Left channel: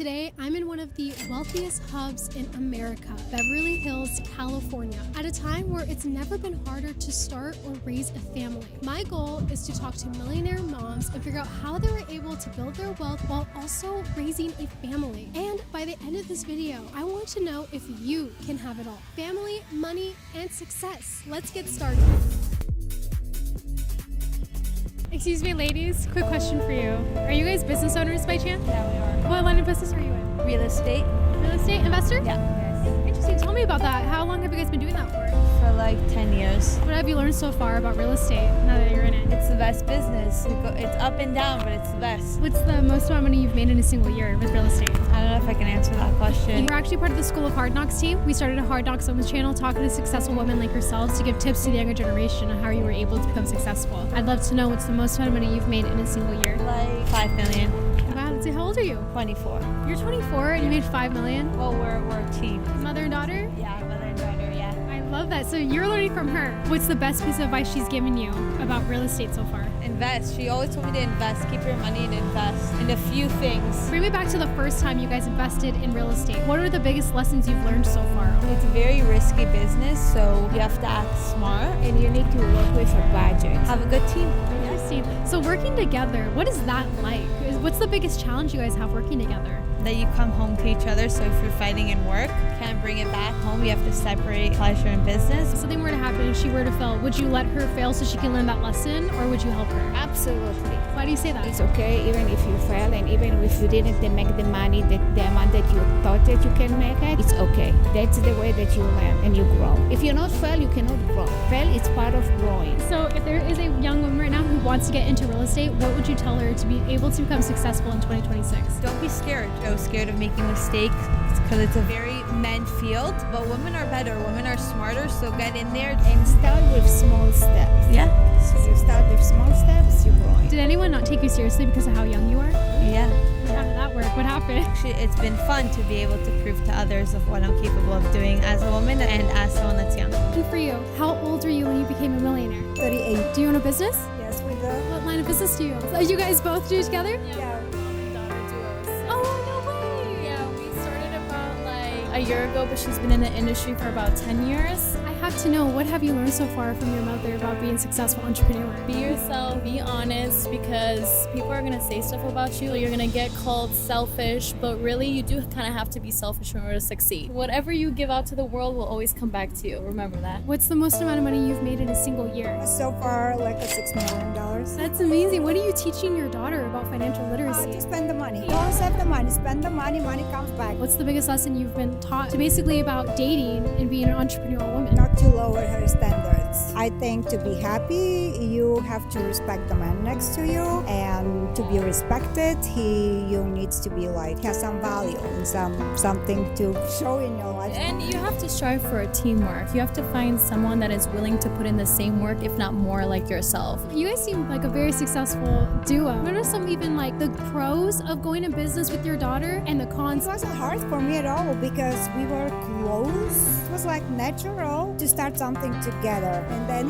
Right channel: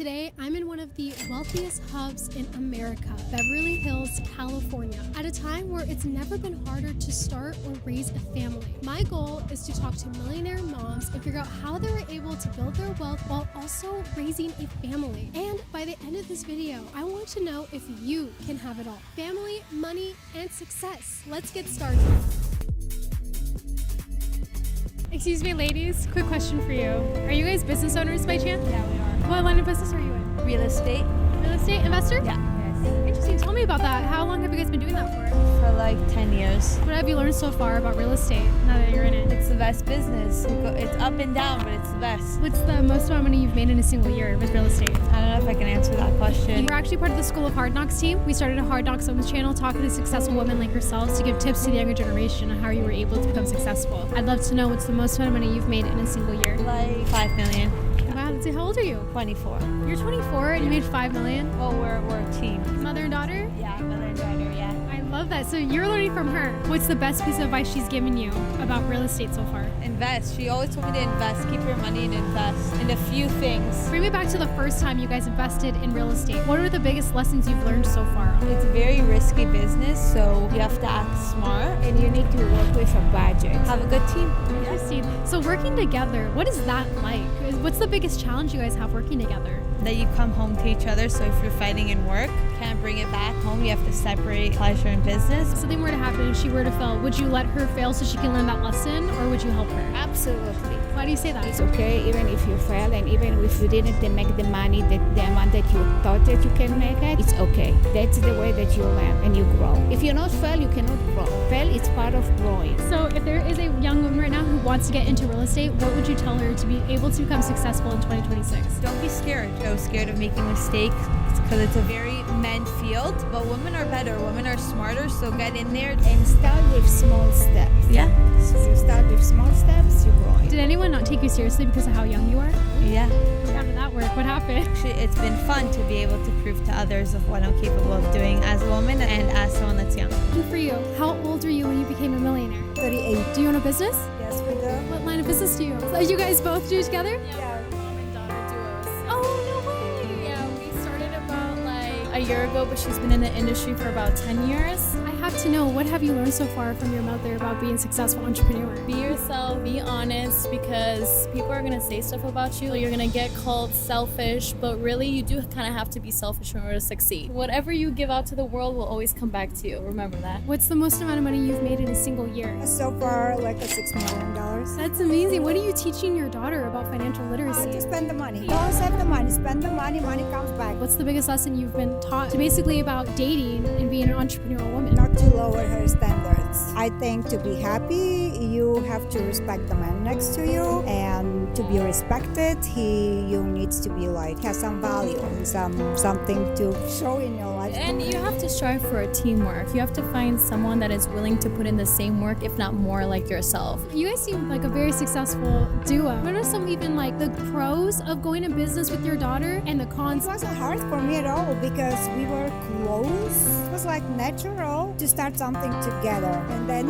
Today, I'm in one of the wealthiest hubs in America, Beverly Hills, California, at a time where it's never been harder to start or raise a family. My goal is to talk to millionaire moms and figure out how they were able to build their wealth while also raising a family. And by the end of this video, I want to know if you can have it all: family, money, and success. Let's get started. Excuse me, ladies, quick question for you. Are you guys business owners by chance? Yeah, we are. What line of business are you in? Real estate? Real estate investor? Yeah. Yes. Interesting. Tell me about that. How long have you guys been doing that for? For like 10 years. What have you learned so far about real estate now that you're in it? It's the best business. It's up and down, but it's the best. What's the most amount of money you've made in a single year with real estate? I don't know if I can answer that question. We're actually part of the School of Hard Knocks team. We started a Hard Knocks Women's channel talking to successful women like yourselves to give tips to the younger generation on how you were able to become successful. I'd love to know what's the most amount of money you've made in a single year. Like 5 million. Wow, let's see, how old are you? 24. You're 24 and you made 5 million? Well, we're a team. Mother and daughter? Yeah, mother and daughter, yeah. I love that. So you're learning from her. What's the best piece of advice she's given you about real estate so far? Invest. She always told me to invest. Keep your money and invest in a few things. Bring me back to the first time you guys invested in real estate. What are the biggest lessons you've learned so far? It's a very risky business, so you have to act smart and you need to work with a budget. Have a good team. Interesting. So working together, what is that like? What's the biggest challenge you guys have working together? That you come home to each other, so if you're fighting in work, you can't bring it back home. You have to separate pleasure and business. If something were to happen and she were to fail, would you let her fail so she can learn that lesson, or would you help her? Absolutely. Why do you say that? It's okay even if you fail, and even if you didn't make the money, the amount that you thought that you can make it, it's okay. That's the way that you learn and you grow. If you not fail, you cannot grow. Fail is part of growing. So if there is a young woman right now who wants to get into real estate, what would you tell her to be able to become successful in 2026? Don't be scared. I was scared of making mistakes because it's a very men field, but women are better. Women are smarter, so get in there. And start with small steps. Yeah. You start with small steps, you grow. Did anyone not take you seriously because of how young you are? Yeah. How did that work? What happened? Actually, it's been fun to be able to prove to others of what I'm capable of doing as a woman and as someone that's young. And for you, how old were you when you became a millionaire? 38. Do you own a business? Yes, we do. What line of business do you own? So you guys both do together? Yeah. Mom and daughter duos. Oh, no way! Yeah, we started about like a year ago, but she's been in the industry for about 10 years. I have to know, what have you learned so far from your mother about being a successful entrepreneur? Be yourself, be honest, because people are gonna say stuff about you. You're gonna get called selfish, but really you do kind of have to be selfish in order to succeed. Whatever you give out to the world will always come back to you. Remember that. What's the most amount of money you've made in a single year? So far, like a $6 million. That's amazing. What are you teaching your daughter about financial literacy? To spend the money. Don't save the money. Spend the money. Money comes back. What's the biggest lesson you've been taught to basically about dating and being an entrepreneurial woman? Not to lower her standards. I think to be happy, you have to respect the man next to you, and to be respected, you needs to be like has some value and something to show in your life. And you have to strive for a teamwork. You have to find someone that is willing to put in the same work, if not more, like yourself. You guys seem like a very successful duo. What are some even like the pros of going in business with your daughter and the cons? It wasn't hard for me at all because we were close. It was like natural to start something together. And then,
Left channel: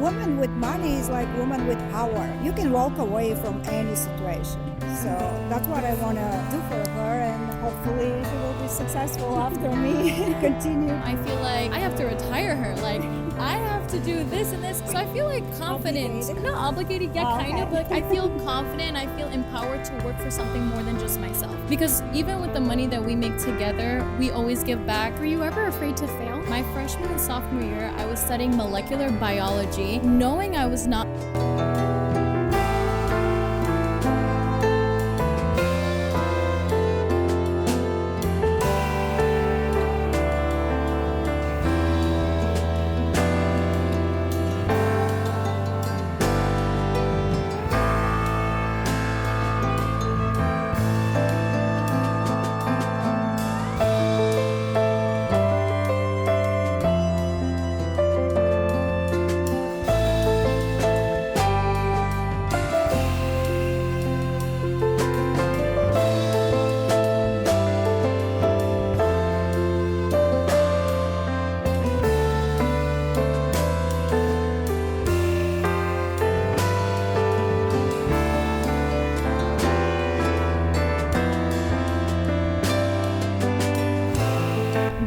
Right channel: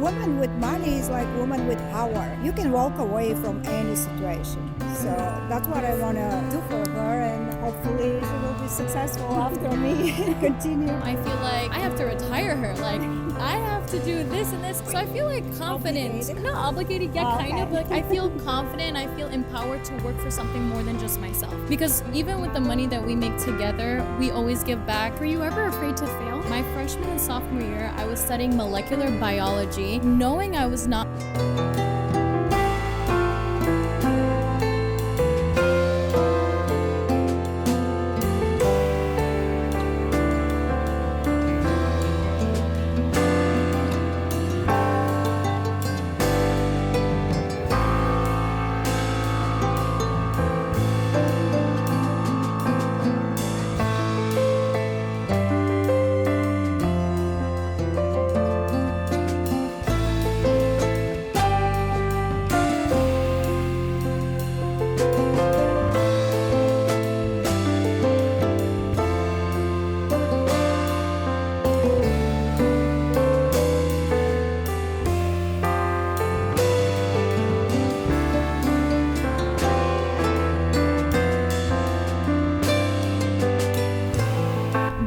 woman with money is like woman with power. You can walk away from any situation. So that's what I want to do for her, and hopefully she will be successful after me and continue. I feel like I have to retire her. Like, I have to do this and this. So I feel like confident. Obligated? Not obligated, yeah, kind of. Okay. But like, I feel confident. I feel empowered to work for something more than just myself. Because even with the money that we make together, we always give back. Were you ever afraid to fail? My freshman and sophomore year, I was studying molecular biology, knowing I was not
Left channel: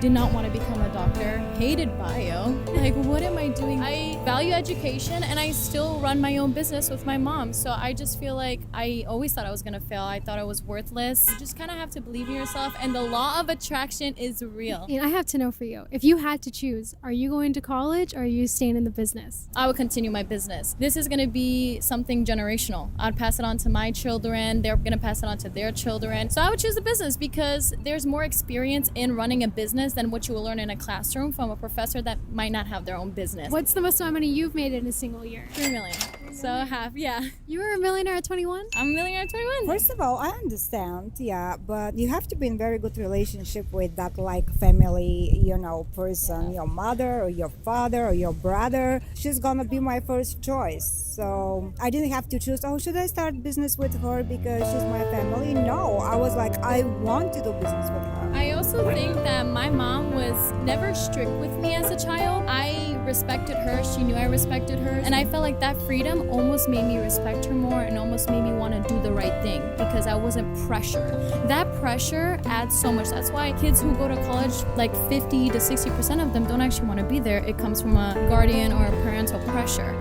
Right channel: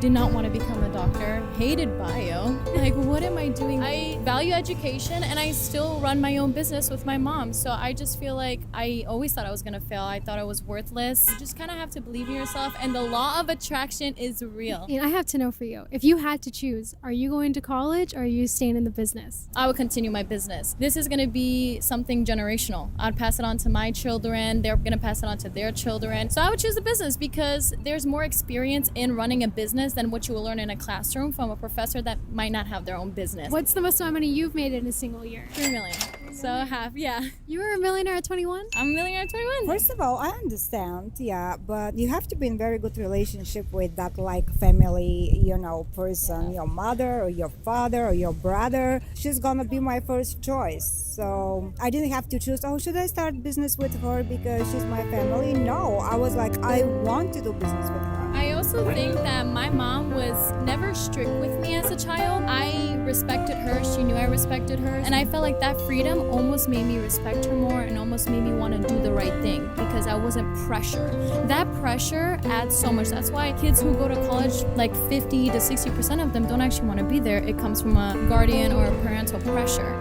did not want to become a doctor, hated bio. Like, what am I doing? I value education and I still run my own business with my mom. So I just feel like I always thought I was going to fail. I thought I was worthless. You just kind of have to believe in yourself, and the law of attraction is real. And I have to know for you, if you had to choose, are you going to college or are you staying in the business? I would continue my business. This is going to be something generational. I'd pass it on to my children. They're going to pass it on to their children. So I would choose the business because there's more experience in running a business than what you will learn in a classroom from a professor that might not have their own business. What's the most amount of money you've made in a single year? 3 million. So half, yeah. You were a millionaire at 21? I'm a millionaire at 21. First of all, I understand, yeah, but you have to be in very good relationship with that like family, person, your mother or your father or your brother. She's gonna be my first choice. So I didn't have to choose, should I start business with her because she's my family? No, I was like, I want to do business with her. I also think that my mom was never strict with me as a child. I respected her. She knew I respected her. And I felt like that freedom almost made me respect her more and almost made me want to do the right thing because I wasn't pressured. That pressure adds so much. That's why kids who go to college, like 50 to 60% of them don't actually want to be there. It comes from a guardian or a parental pressure.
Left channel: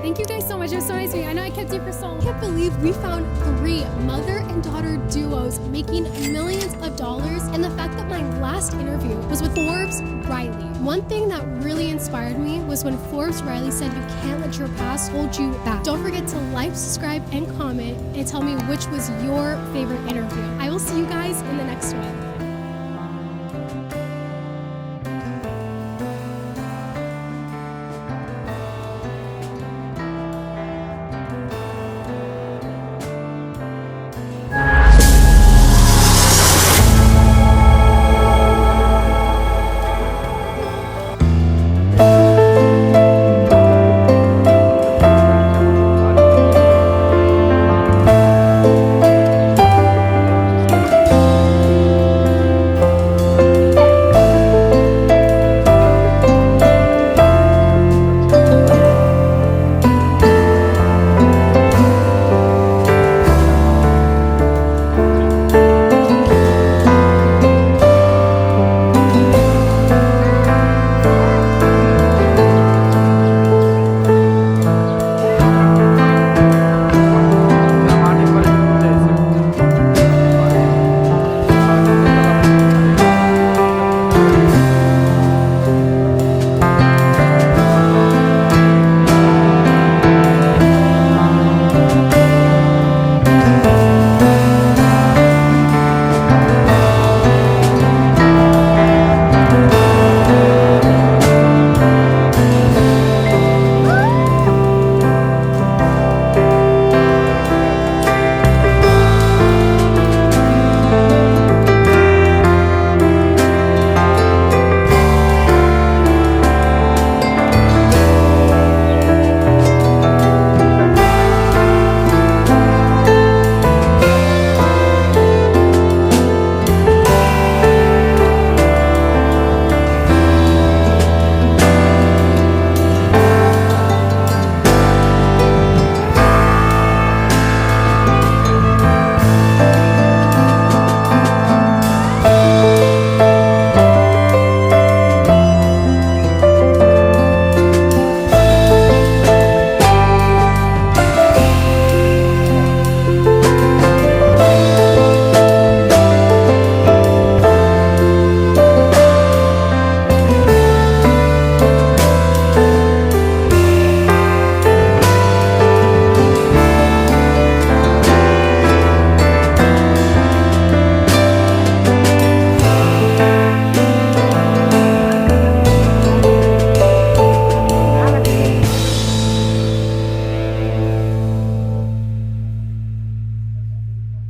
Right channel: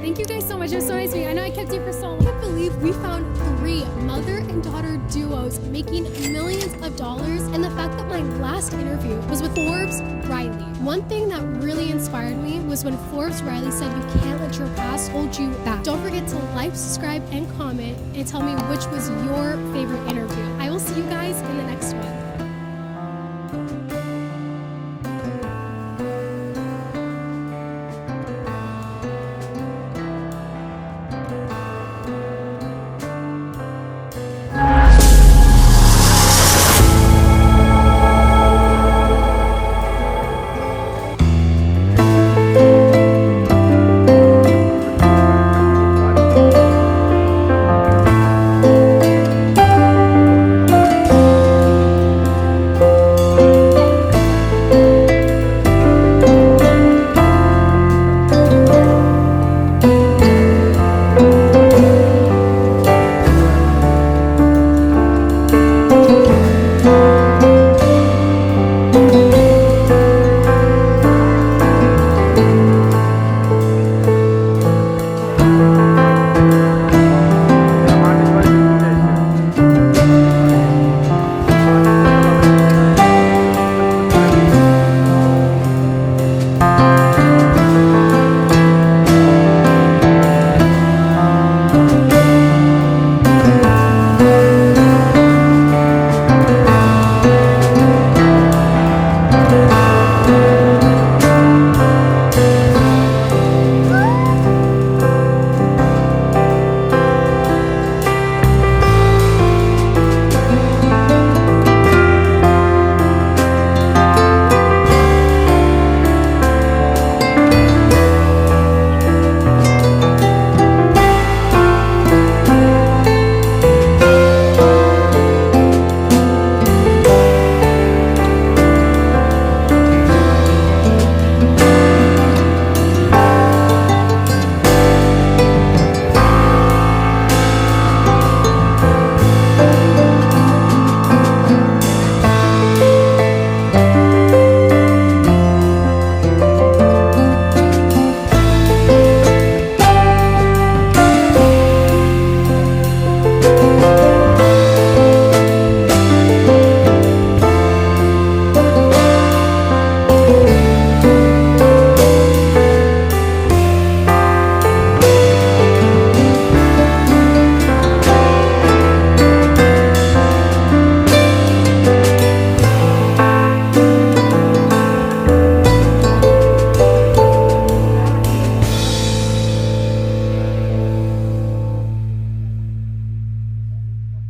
Thank you guys so much. It was so nice to meet you. I know I kept you for so long. I can't believe we found 3 mother and daughter duos making millions of dollars, and the fact that my last interview was with Forbes Riley. One thing that really inspired me was when Forbes Riley said you can't let your past hold you back. Don't forget to like, subscribe, and comment, and tell me which was your favorite interview. I will see you guys in the next one.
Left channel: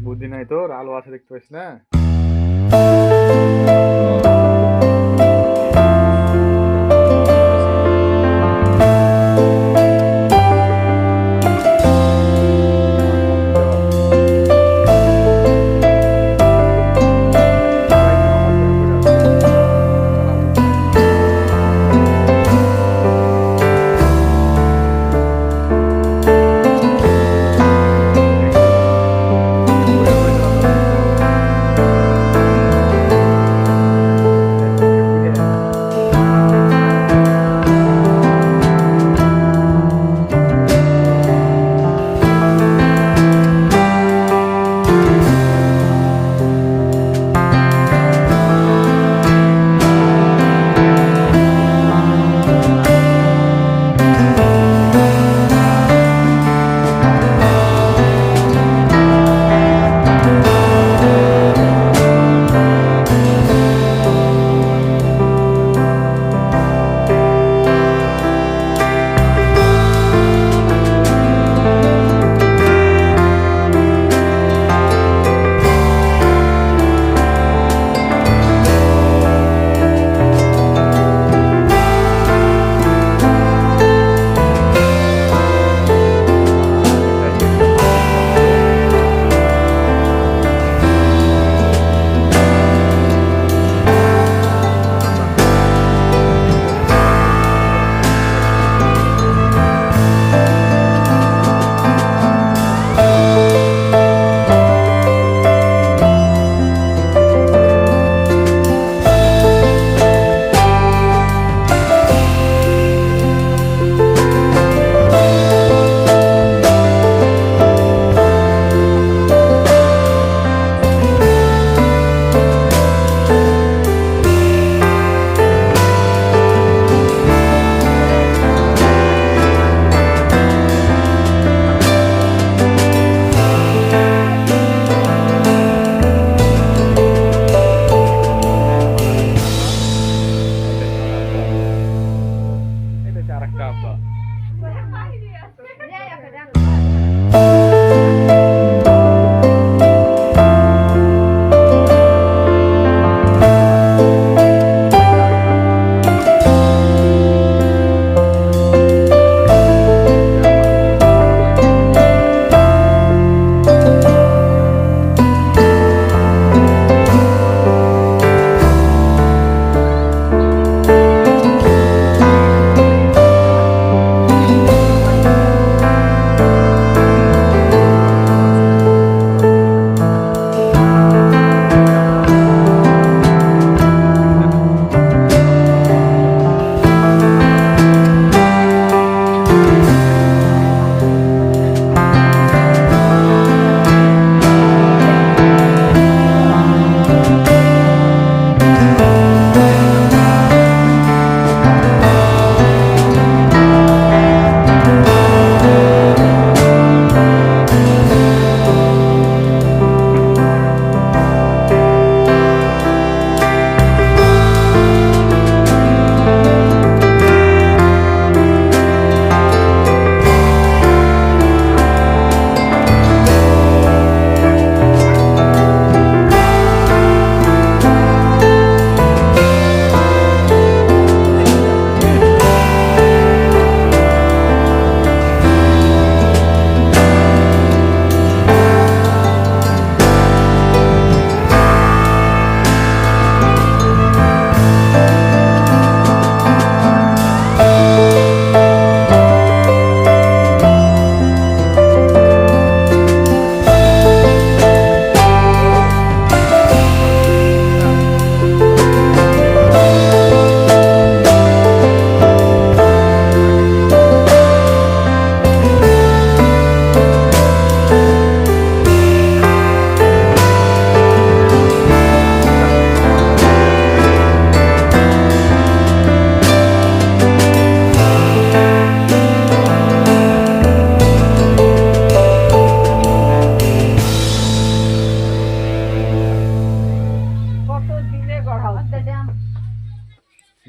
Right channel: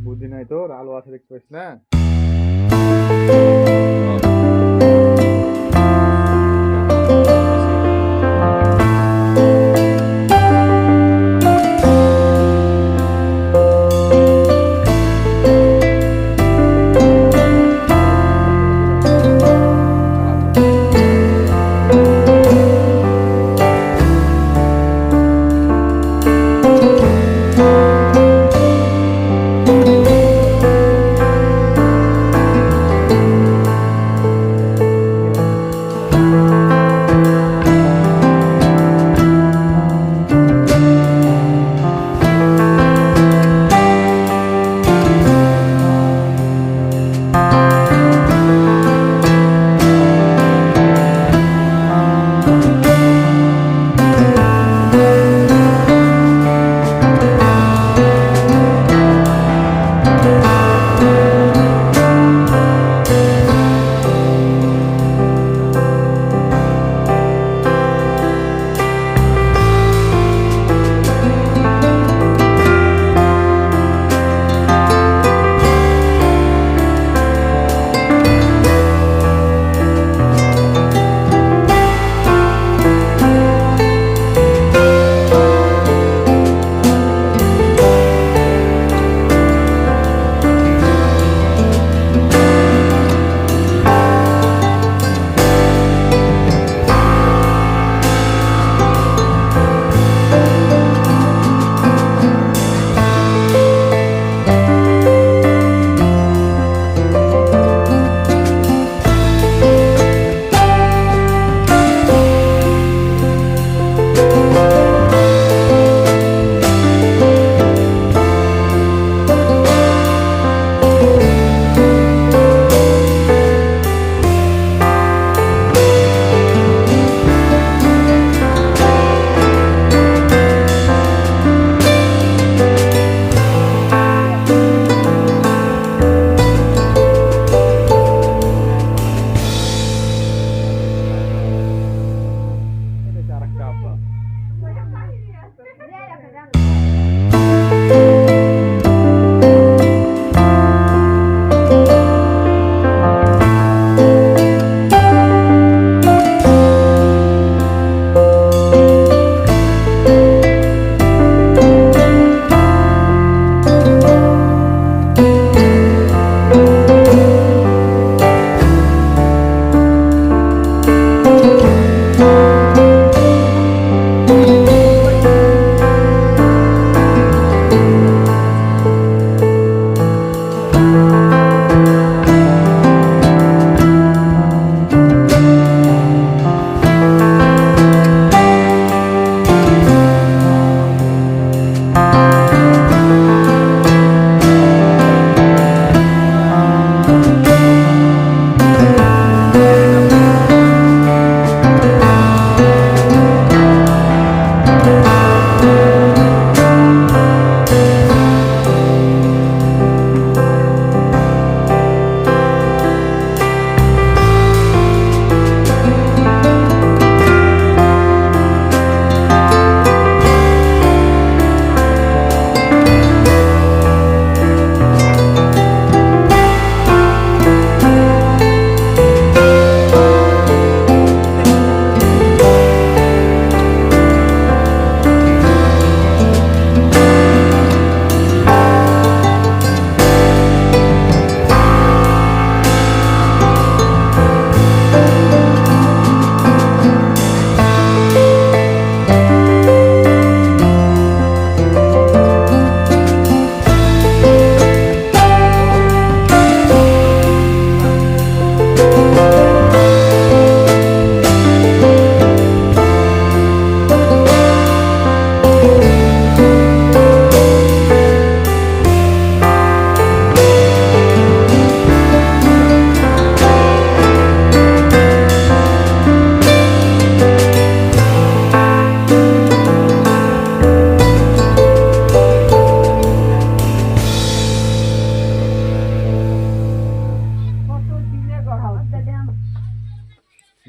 বুদ্ধি নাই তোর, আলো আছে দেখতে পাইছ না?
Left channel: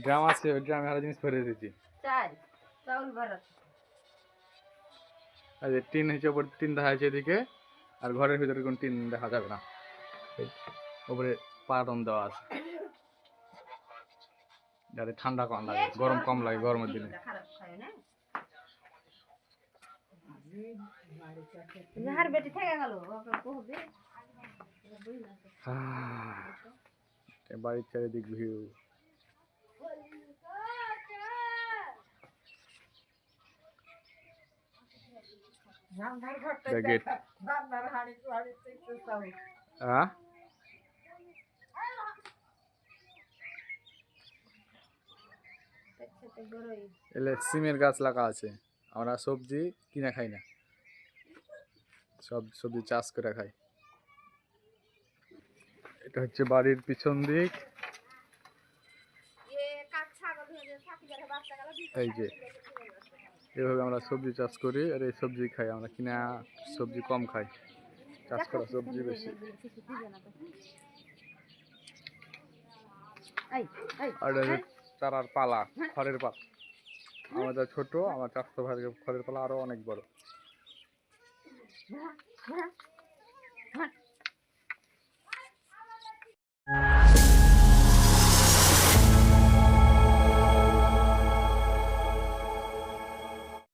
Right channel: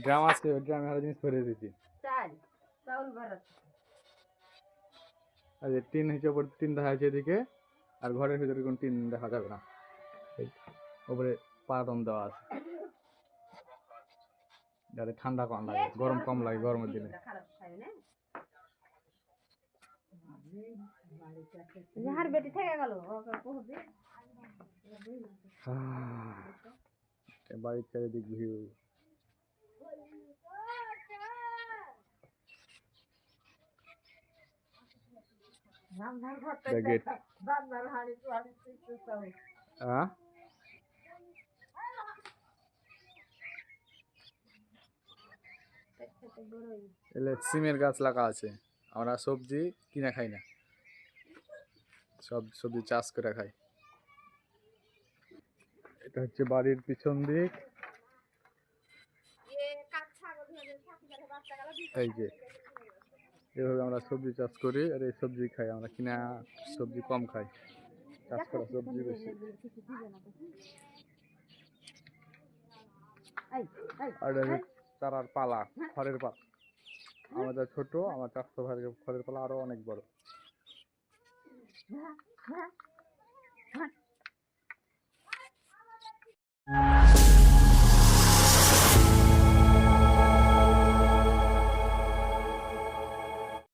Drum আছে, ওই ড্রামে আরো জিনিস ভরে দিয়েছি। আর এই টিন হচ্ছে উপর, টিন দেখা যাচ্ছে এদিকে, আর ঘরের ভিতরে কোনো টিন দেখা যাবে না। এই উপরে পাটন দেওয়া আছে যাতে ঠান্ডা কম লাগে, গরম কম লাগে গরমের দিনে। বাড়ির চারিদিক ভিউ। গেট এলে সিমের গাছ লাগা আছে। আমরা সবজি কিনা খাই না, সব সবজি চাষ করে খাই। এটা হচ্ছে বাড়ির পিছন দিক। এই যে এভাবে আমরা সবজি চাষ করি, আর এই সবজি খাই আমরা, কিনা সবজি কম খাই, চাষ করা সবজি বেশি। আর চারার পালা, খড়ের পালা আমাদের ছোট, আমার চাষতো ভাই খড়ের পালা আরো অনেক বড়।